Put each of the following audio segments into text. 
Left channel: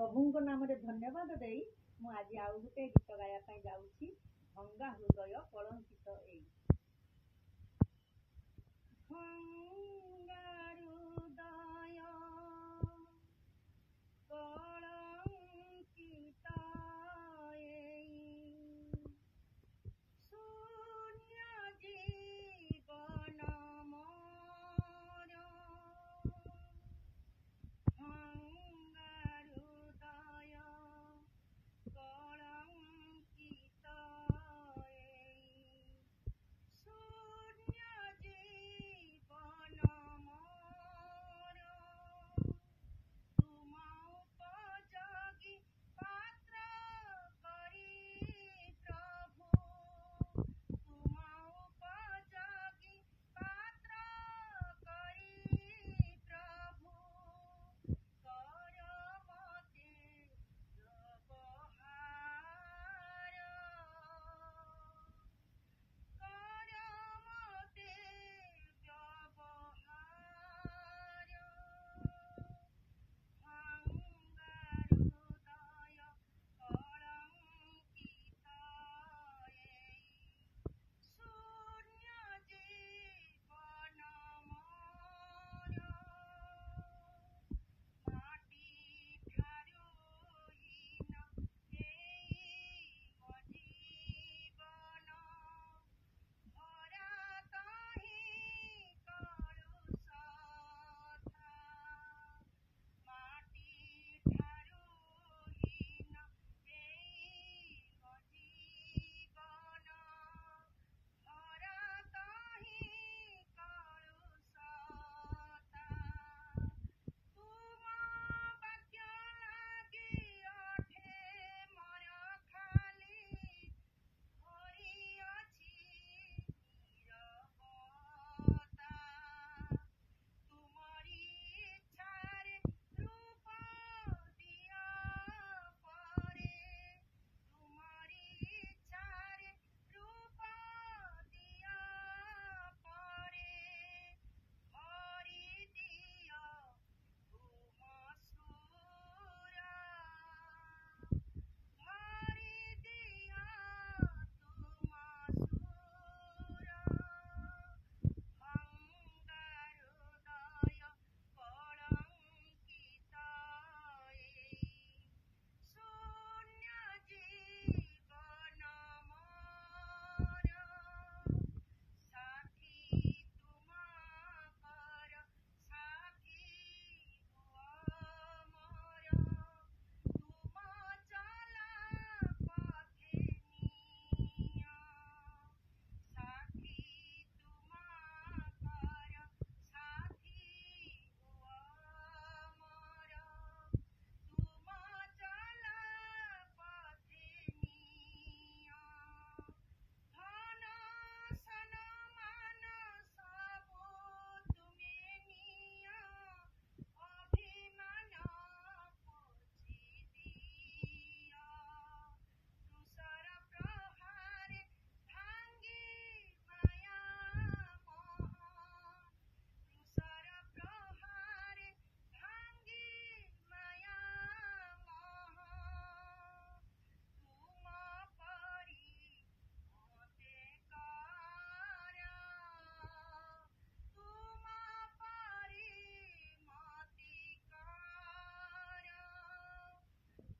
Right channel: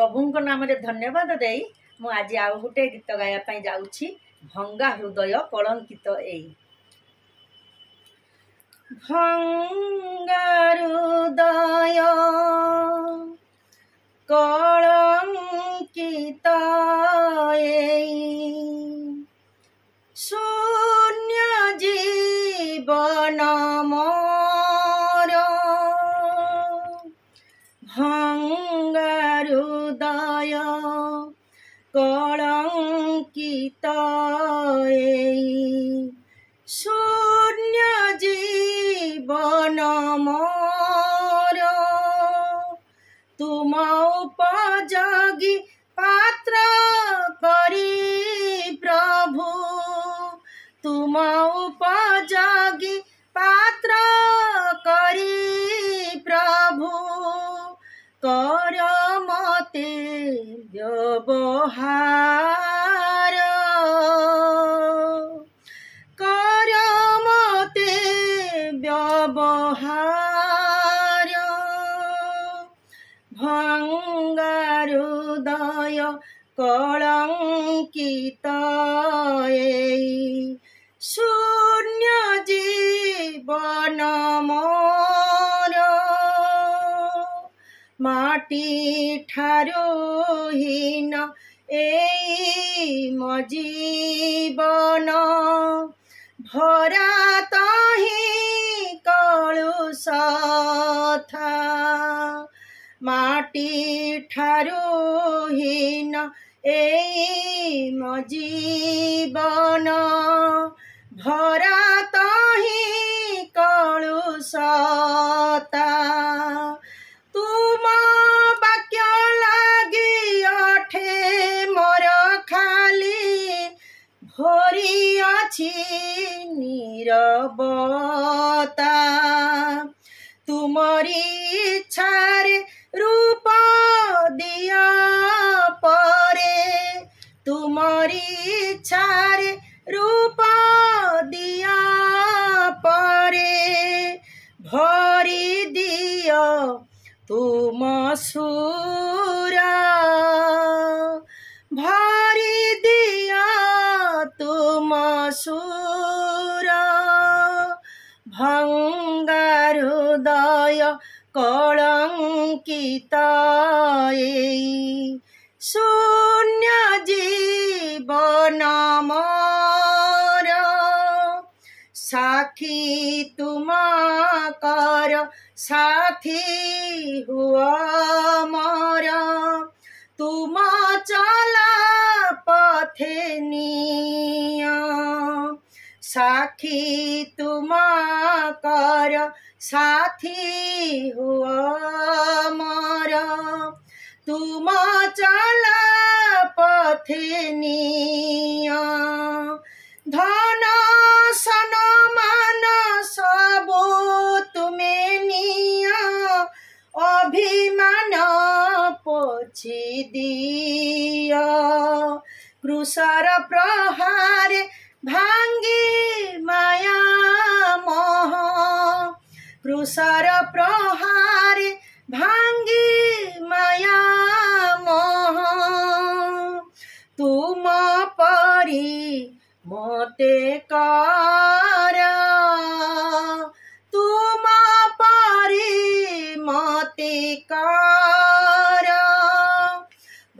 प्रभु नाम धन्यवाद दे मु आज आउ गोटे गीत गायापाई जाऊँगी भंगा हृदय कलंकित एई भंगा हृदय कलंकित एई शून्य जीवन मोर भंगा हृदय कलंकित एई शून्य जीवन मोर तुम उपयोगी पात्र करी प्रभु तुम उपयोगी पात्र करी प्रभु कर मते व्यवहार कर मते व्यवहार भंगा हृदय कलंकित एई शून्य जीवन मोर माटी ठारू हीन एई मो जीवन भरा तही कलुष था माटी ठारू हीन एई मो जीवन भरा तही कलुष था तुम वाक्य लागी अठे मोर खाली भरी अछि नीरवता तुमरी इच्छारे रूप दिया परे तुमरी इच्छारे रूप दिया परे भरी दिया तुम सुरा भरी दिया तुम सुरा भंगा हृदय कलंकित एई शून्य जीवन मोर साखी तुम कर साथी हुआ मोर तुम चला पथे निया साखी तुम कर साथी हुआ मोर तुम चला पथे निया धन सन मान सबो तुमे निया अभिमान पोछि दिया क्रूसर प्रहार भांगी माया मोह क्रूसर प्रहार भांगी माया मोह तुम परी मोते कर तुम परी मोते कर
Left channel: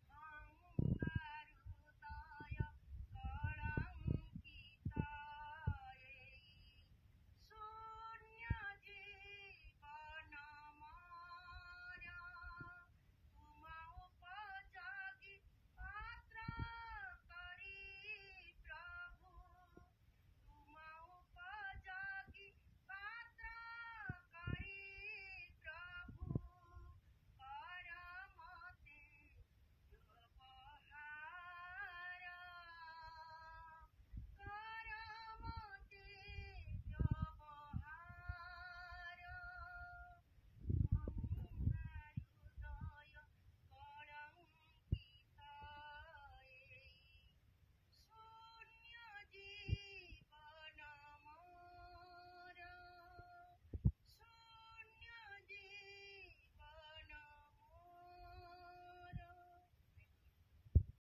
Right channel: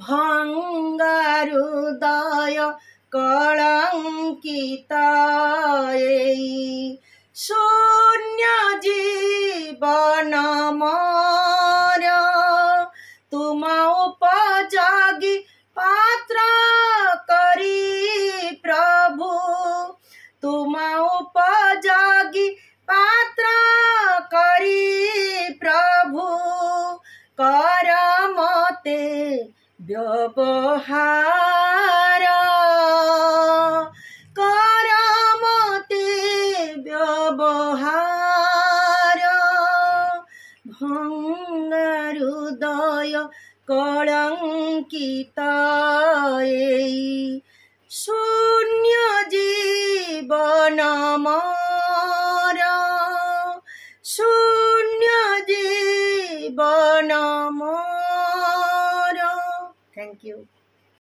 भंगा हृदय कलंकित एई शून्य जीवन मोर तुम उपयोगी पात्र करी प्रभु तुम उपयोगी पात्र करी प्रभु कर मते व्यवहार कर मते व्यवहार भंगा हृदय कलंकित एई शून्य जीवन मोर शून्य जीवन मोर। Thank you.